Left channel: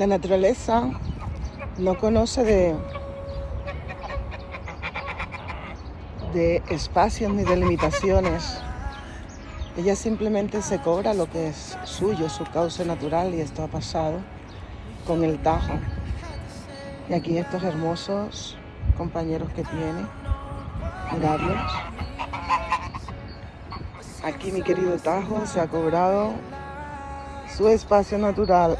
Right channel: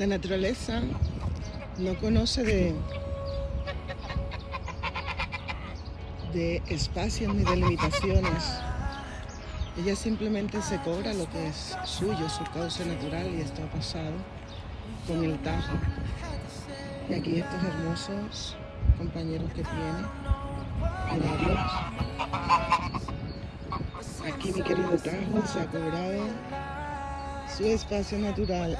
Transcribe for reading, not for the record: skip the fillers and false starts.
La naturaleza no conoce de espacios ni de limitaciones. Ella simplemente se cobra lo que es suyo, su cauce natural, y esto ha pasado con el Tajo. Y aquí estos hermosos compañeros que tiene, miradlos. Aquí mi querido Tajo se ha cobrado su espacio natural.